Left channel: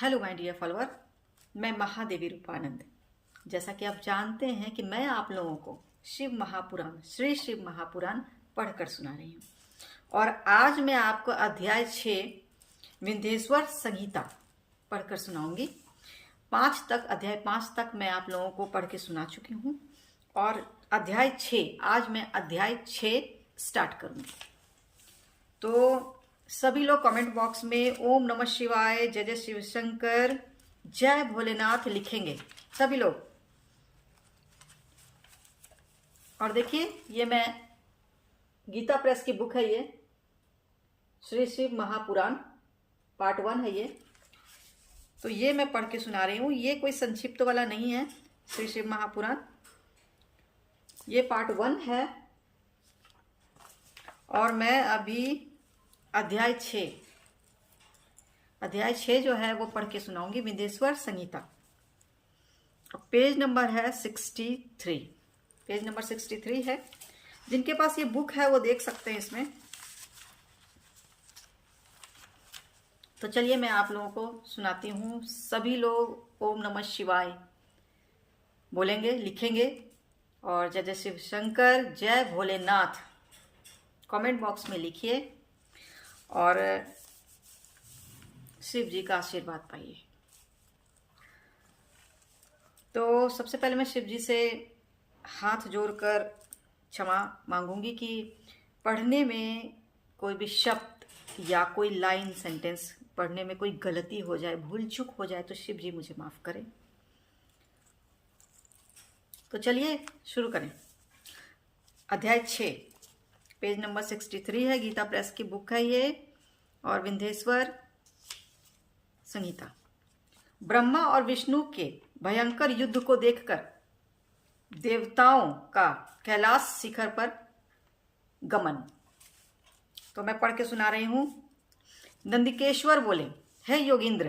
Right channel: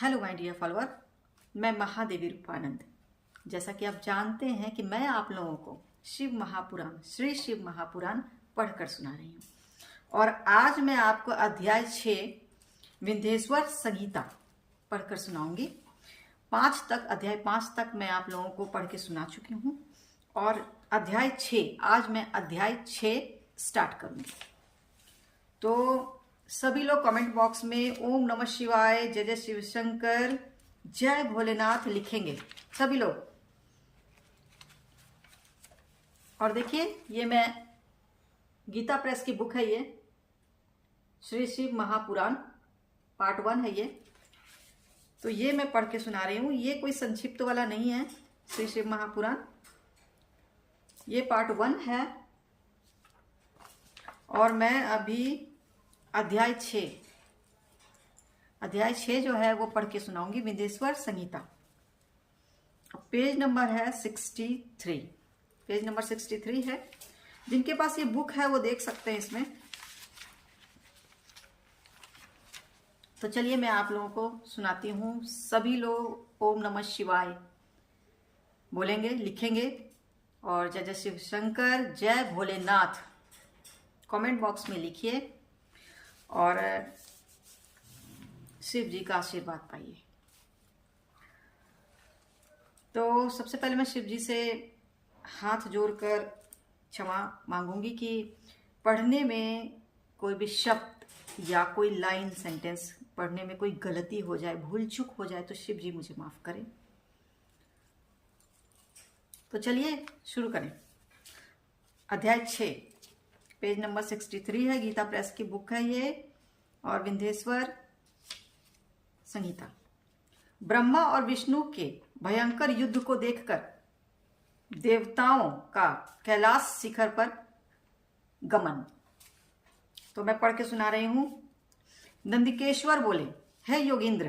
Hello my dear follower, मैं महादेवी रूपानंद। जैसा कि आप जानते हैं कि मैं आप लोगों को शिव महापुराण, श्री शिव महापुराण पढ़कर सुना रही हूँ। और आज मैं आपको अध्याय 6 विंध्येश्वर संहिता पढ़कर सुनाऊंगी। अध्याय 5 तक मैं आप लोगों को पढ़ के सुना चुकी हूँ और अध्याय 6 आज मैं अध्याय 6 स्टार्ट करूंगी। तो सभी लोग कमेंट बॉक्स में ओम नमः शिवाय, जय जय शिव शंकर, जय भोलेनाथ लिखेंगे सभी लोग। और देखिए, ये मैं गीता प्रेस की बुक है, ये श्री शिव महापुराण पार्ट 1 है ये। तो ये मैं पढ़ के सुना रही हूँ। ये कोई संक्षिप्त वाला नहीं है श्री शिव महापुराण, ये पार्ट 1 है। और मैं अभी अध्याय 6 जो है वो पढ़ के सुनाऊंगी, विंध्येश्वर संहिता। पेज नंबर है 63, पेज नंबर 63 है। जिनके पास ये बुक है वो देख सकते हैं इसमें। तो चलिए मैं आप लोगों को सुनाती हूँ। सभी लोग ओम नमः शिवाय बोलेंगे, लिखेंगे, और जय जय शिव शंकर, जय भोलेनाथ कमेंट बॉक्स में लिखिए और शिव जी का आशीर्वाद पाइए। तो सबसे पहले मैं शिव जी से हाथ जोड़कर क्षमा मांगूंगी कि पढ़ने में कोई भी शब्द या कोई लाइन सेंटेंस पढ़ने में कोई गलती हो जाए, भूल चूक हो जाए, तो शिव जी मुझे माफ करें। तो चलिए शुरू करें। अध्याय 6 पेज नंबर 63 है, गीता प्रेस की बुक है ये, और विंध्येश्वर संहिता। ब्रह्मा और विष्णु के भयंकर युद्ध को देखकर देवताओं का कैलाश शिखर पर गमन। तो मैं पढ़ के सुना रही हूं। नंदिकेश्वर बोले, हे योगींद्र,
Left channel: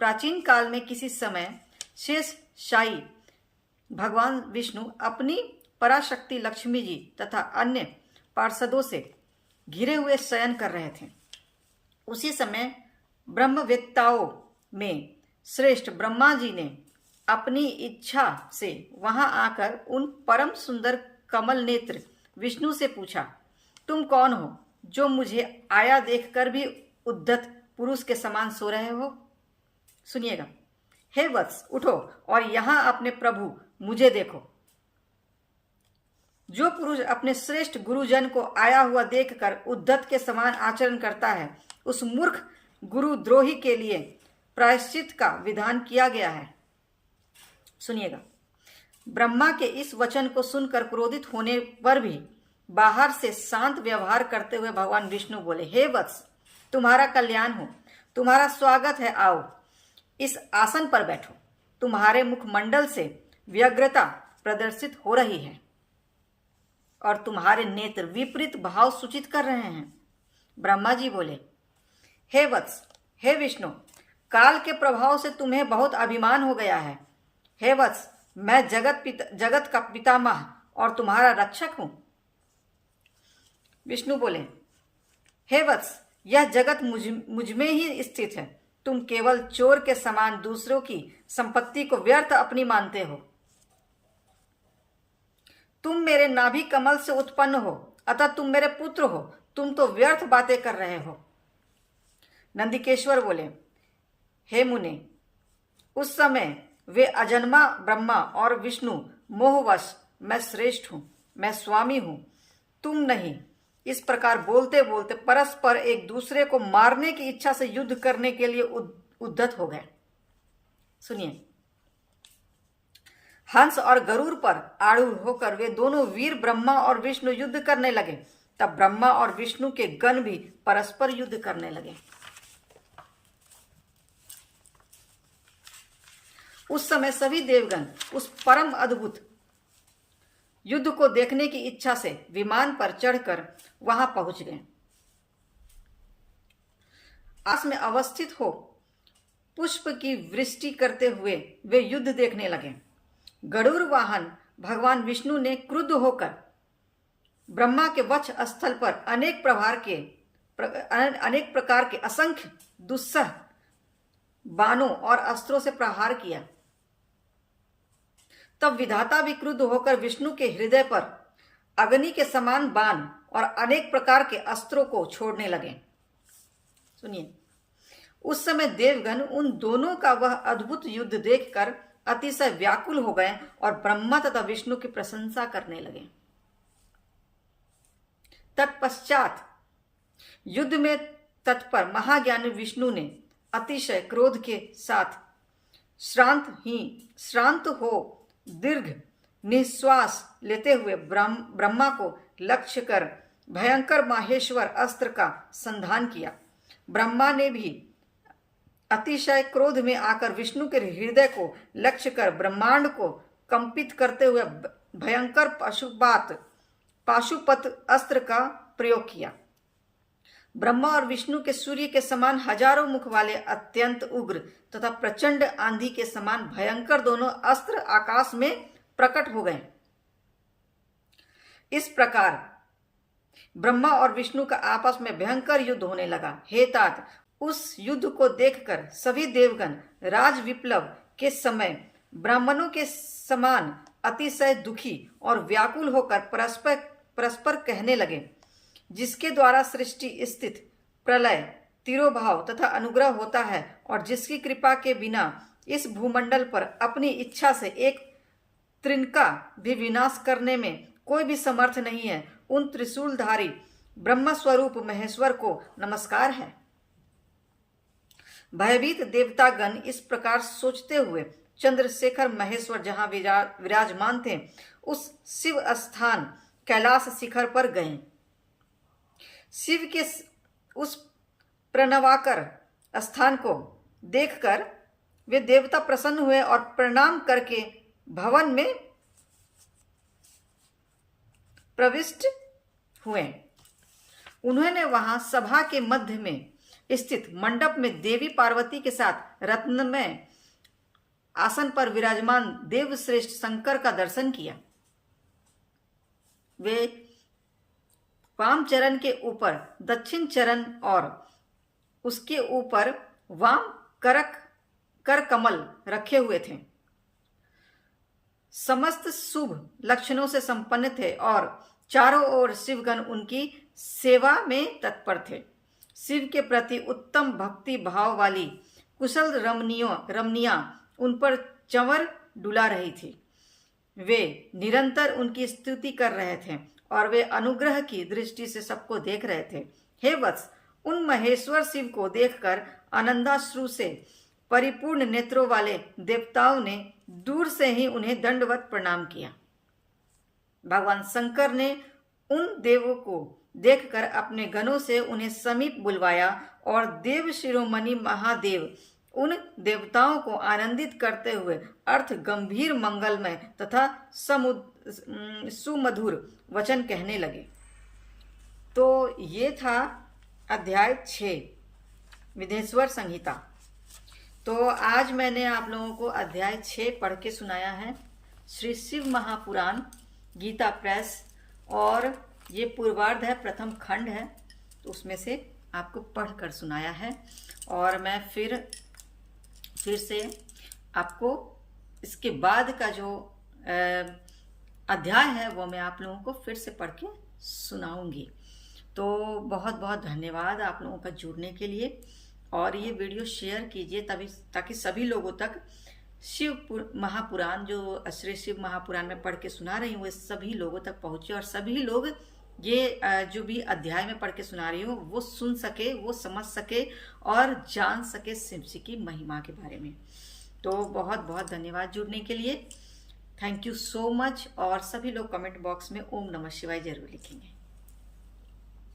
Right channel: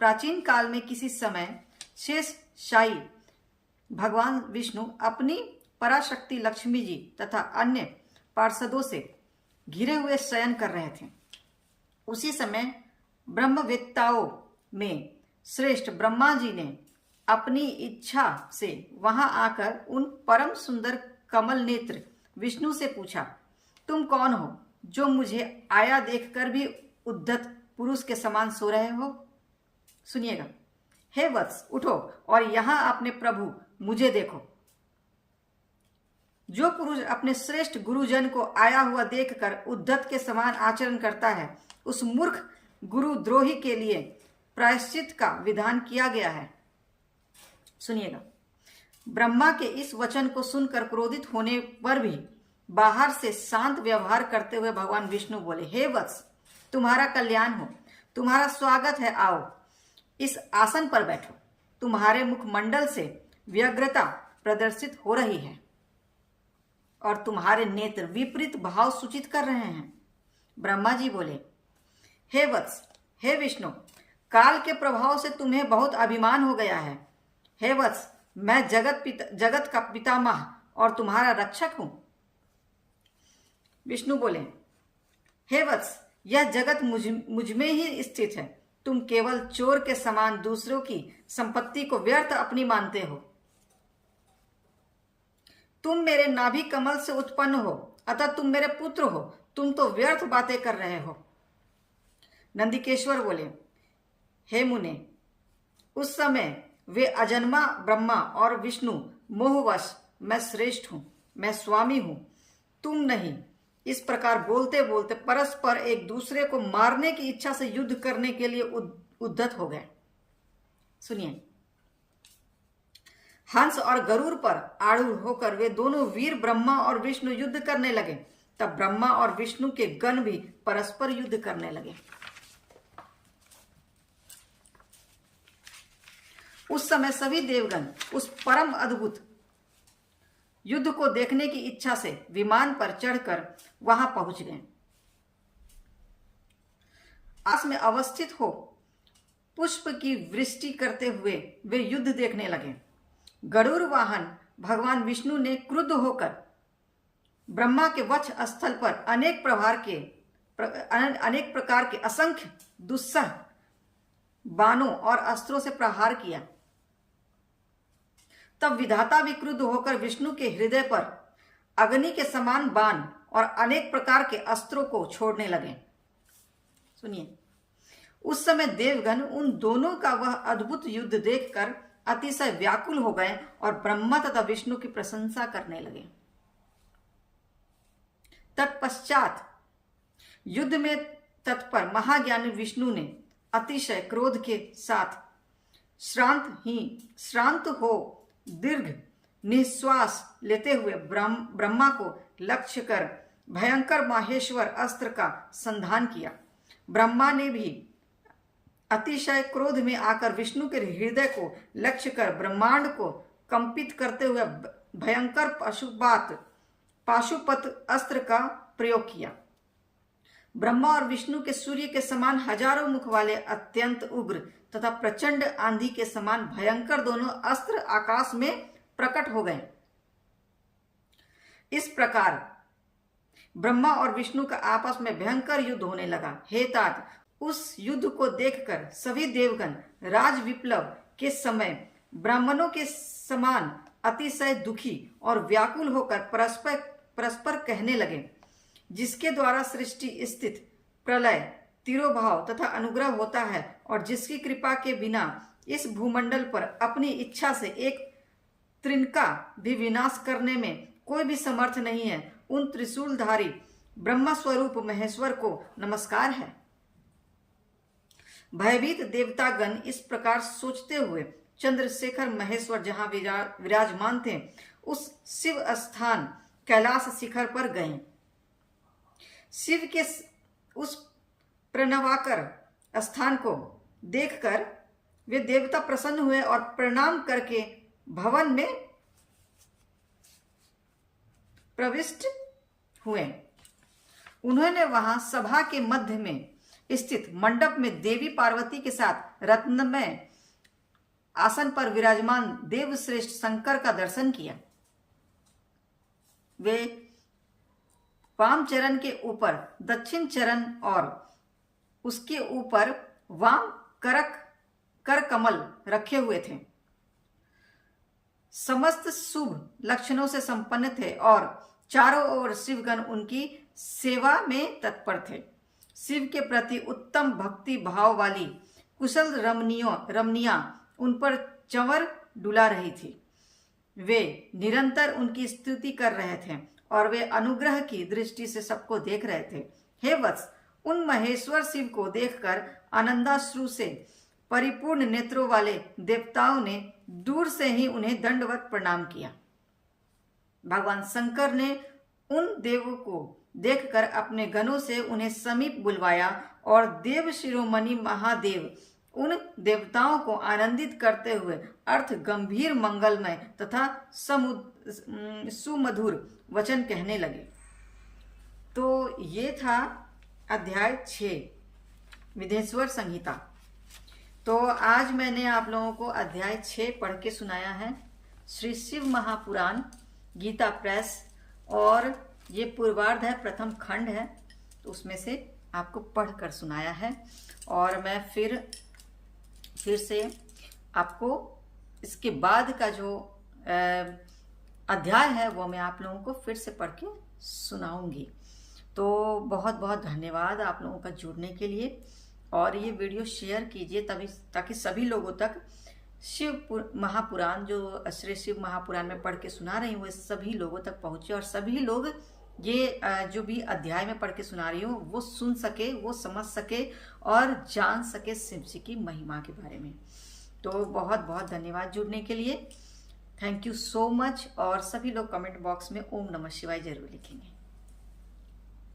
प्राचीन काल में किसी समय शेष शाही भगवान विष्णु अपनी पराशक्ति लक्ष्मी जी तथा अन्य पार्षदों से घिरे हुए शयन कर रहे थे। उसी समय ब्रह्मवेत्ताओं में श्रेष्ठ ब्रह्मा जी ने अपनी इच्छा से वहां आकर उन परम सुंदर कमल नेत्र विष्णु से पूछा, तुम कौन हो जो मुझे आया देखकर भी उद्धत पुरुष के समान सो रहे हो? सुनिएगा। हे वत्स, उठो और यहां अपने प्रभु मुझे देखो। जो पुरुष अपने श्रेष्ठ गुरुजन को आया हुआ देखकर उद्धत के समान आचरण करता है, उस मूर्ख गुरुद्रोही के लिए प्रायश्चित का विधान किया गया है। सुनिएगा। ब्रह्मा के इस वचन को सुनकर क्रोधित होने पर भी बाहर से शांत व्यवहार करते हुए भगवान विष्णु बोले, हे वत्स, तुम्हारा कल्याण हो, तुम्हारा स्वागत है, आओ इस आसन पर बैठो। तुम्हारे मुखमंडल से व्यग्रता प्रदर्शित हो रही है और तुम्हारे नेत्र विपरीत भाव सूचित कर रहे हैं। ब्रह्मा जी बोले, हे वत्स, हे विष्णु, काल के प्रभाव से तुम्हें बहुत अभिमान हो गया है। हे वत्स, मैं जगत का पितामह और तुम्हारा रक्षक हूं। विष्णु बोले, हे वत्स, यह जगत मुझ में ही स्थित है। तुम केवल चोर के समान दूसरों की संपत्ति को व्यर्थ अपनी मानते हो। तुम मेरे नाभि कमल से उत्पन्न हो, अतः तुम मेरे पुत्र हो। तुम तो व्यर्थ बातें कर रहे हो। नंदिकेश्वर बोले, हे मुने, उस समय वे अजन्मा ब्रह्मा और विष्णु मोहवश मैं श्रेष्ठ हूं, मैं स्वामी हूं, तुम नहीं। इस प्रकार बोलते बोलते परस्पर एक दूसरे को मारने की इच्छा से युद्ध करने के लिए उद्धत हो गए। सुनिए। हंस और गरुड़ पर आरूढ़ होकर वे दोनों वीर ब्रह्मा और विष्णु युद्ध करने लगे। तब ब्रह्मा और विष्णु के गण भी परस्पर युद्ध करने लगे। उस समय सभी देवगण उस परम अद्भुत युद्ध को देखने की इच्छा से विमान पर चढ़कर वहां पहुंच गए। आस में अवस्थित हो पुष्प की वृष्टि करते हुए वे युद्ध देखने लगे। गरुड़ वाहन भगवान विष्णु ने क्रुद्ध होकर ब्रह्मा के वक्ष स्थल पर अनेक प्रकार के असंख्य दुस्सह बाणों और अस्त्रों से प्रहार किया। तब विधाता भी क्रुद्ध होकर विष्णु के हृदय पर अग्नि के समान बाण और अनेक प्रकार के अस्त्रों को छोड़ने लगे। सुनिए, उस समय देवगण उन दोनों का वह अद्भुत युद्ध देखकर अतिशय व्याकुल हो गए और ब्रह्मा तथा विष्णु की प्रशंसा करने लगे। तत्पश्चात युद्ध में तत्पर महाज्ञानी विष्णु ने अतिशय क्रोध के साथ श्रांत हो दीर्घ निश्वास लेते हुए ब्रह्मा को लक्ष्य कर भयंकर माहेश्वर अस्त्र का संधान किया। ब्रह्मा ने भी अतिशय क्रोध में आकर विष्णु के हृदय को लक्ष्य कर ब्रह्मांड को कंपित करते हुए भयंकर पाशुपत अस्त्र का प्रयोग किया। ब्रह्मा और विष्णु के सूर्य के समान हजारों मुख वाले अत्यंत उग्र तथा प्रचंड आंधी के समान भयंकर दोनों अस्त्र आकाश में प्रकट हो गए। इस प्रकार ब्रह्मा और विष्णु का आपस में भयंकर युद्ध होने लगा। हे तात, उस युद्ध को देखकर सभी देवगण राज विप्लव के समय ब्राह्मणों के समान अतिशय दुखी और व्याकुल होकर परस्पर कहने लगे, जिसके द्वारा सृष्टि, स्थिति, प्रलय, तिरोभाव तथा अनुग्रह होता है और जिसकी कृपा के बिना इस भूमंडल पर अपनी इच्छा से एक त्रिनका भी विनाश करने में कोई भी समर्थ नहीं है, उन त्रिशूलधारी ब्रह्म स्वरूप महेश्वर को नमस्कार है। भयभीत देवतागण इस प्रकार सोचते हुए चंद्रशेखर महेश्वर जहां विराजमान थे, उस शिव स्थान कैलाश शिखर पर गए। शिव के उस प्रणवाकर स्थान को देखकर वे देवता प्रसन्न हुए और प्रणाम करके भवन में प्रविष्ट हुए। उन्होंने वहां सभा के मध्य में स्थित मंडप में देवी पार्वती के साथ रत्नमय आसन पर विराजमान देवश्रेष्ठ शंकर का दर्शन किया। वे वाम चरण के ऊपर दक्षिण चरण और उसके ऊपर वाम कर कमल रखे हुए थे। समस्त शुभ लक्षणों से संपन्न थे और चारों ओर शिवगण उनकी सेवा में तत्पर थे। शिव के प्रति उत्तम भक्ति भाव वाली कुशल रमनियां उन पर चंवर डुला रही थी। वे निरंतर उनकी स्तुति कर रहे थे और वे अनुग्रह की दृष्टि से सबको देख रहे थे। हे वत्स, उन महेश्वर शिव को देखकर आनंदाश्रु से परिपूर्ण नेत्रों वाले देवताओं ने दूर से ही उन्हें दंडवत प्रणाम किया। भगवान शंकर ने उन देवों को देखकर अपने गणों से उन्हें समीप बुलवाया और देव शिरोमणि महादेव उन देवताओं को आनंदित करते हुए अर्थ गंभीर मंगलमय तथा सुमधुर वचन कहने लगे। तो ये था अध्याय 6 विंध्येश्वर संहिता। तो आज मैंने आप लोगों को अध्याय 6 पढ़ के सुनाया है। श्री शिव महापुराण गीता प्रेस, और ये पूर्वार्ध है, प्रथम खंड है, तो उसमें से आपको पढ़कर सुनाया है। और मैं फिर से आपको इसके बाद का जो अध्याय है वो मैं आप लोगों को फिर से पढ़ के सुनाऊंगी। तो बहुत बहुत धन्यवाद आप लोगों का जुड़ने के लिए, और ये वीडियो शेयर कीजिए ताकि सभी लोगों तक शिव महापुराण, जो श्री शिव महापुराण में पढ़ के सुना रही हूँ, वो सभी लोगों तक पहुँचे और सभी लोग ये जो भी अध्याय में पढ़ के सुना रही हूँ वो सुन सके, वो समझ सके और जान सके शिव जी की महिमा के बारे में। तो बहुत बहुत धन्यवाद जुड़ने के लिए। Thank you so much. और सभी लोग कमेंट बॉक्स में ओम नमः शिवाय जरूर लिखेंगे।